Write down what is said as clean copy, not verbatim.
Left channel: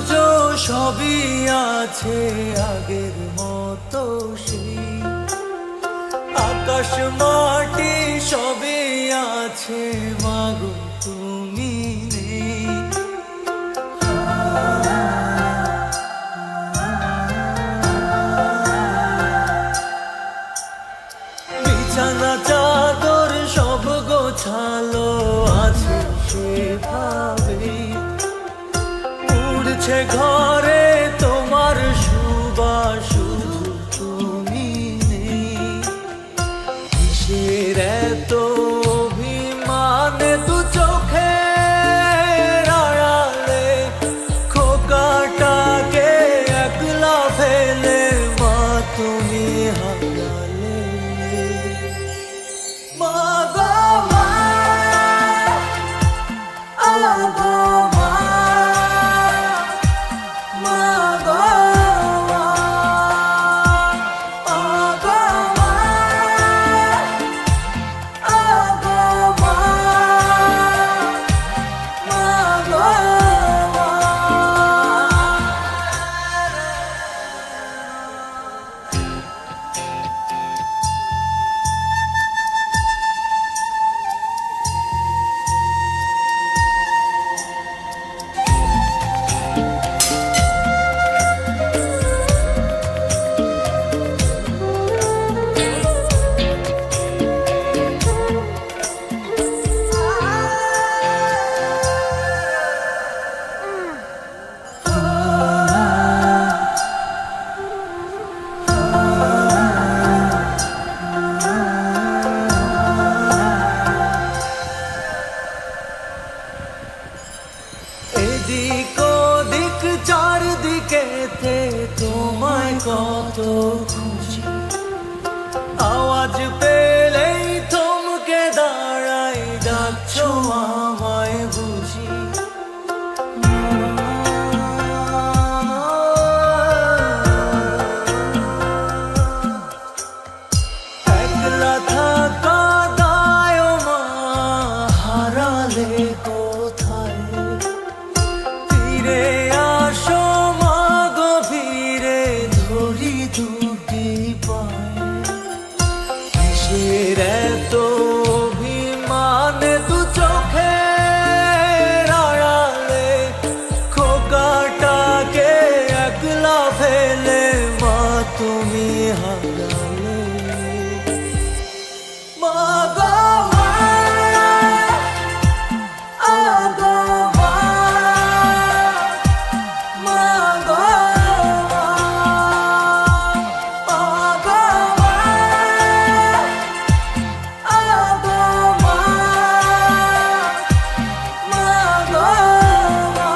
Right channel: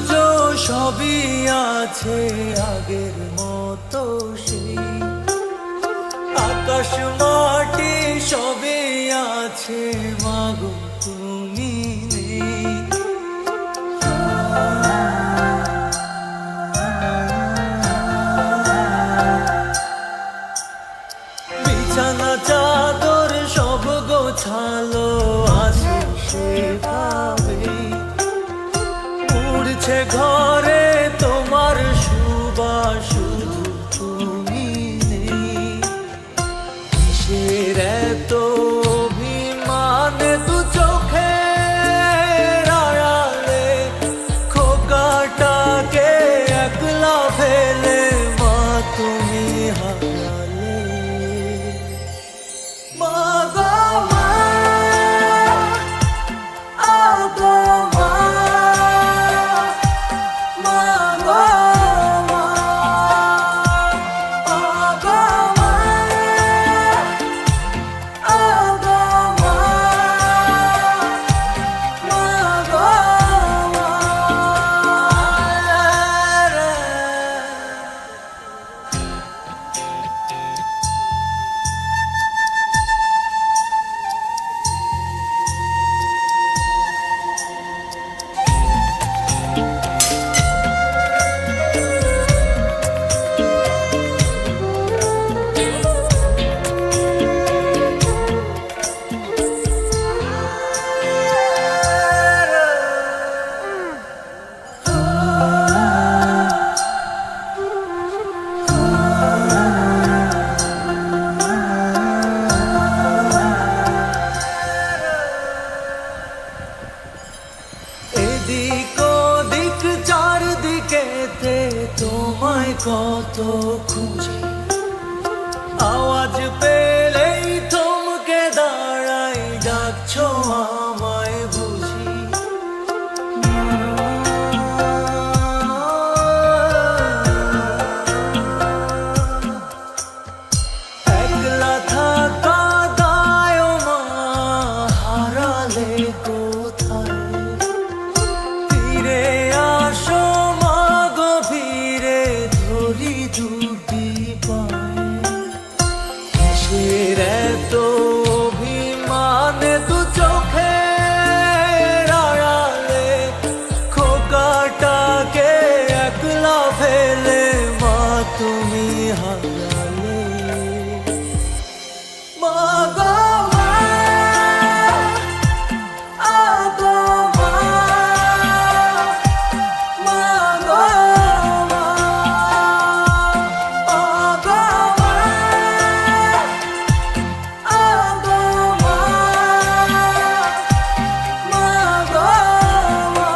সূর্য সবই আছে আগের মতো সেই, আকাশ মাটি সবই আছে মাগো তুমি নেই। বিছানা চাদর সব গোছালো আছে সেভাবেই, উড়ছে ঘরে তোমার সুবাস শুধু তুমি নেই। কিসের এত অভিমানে দু চোখের আড়ালে খোকাটাকে একলা ফেলে মা তুমি হারালে। মা গো মা, আ গো মা, মা গো মা, আ গো মা, আ গো মা, মা গো মা। এদিক ওদিক চারদিকেতে তোমায় কত খুঁজি, আওয়াজ পেলেই থমকে দাঁড়াই ডাকছো আমায় বুঝি। একলা থাকা দায় মা হারালে কোথায়, ফিরে আসো মা গো ফিরে ধরি দুটি পায়ে। কিসের এত অভিমানে দু চোখের আড়ালে খোকাটাকে একলা ফেলে মা তুমি হারালে। মা গো মা, আ গো মা, মা গো মা, আ গো মা, আ গো মা, মা গো মা।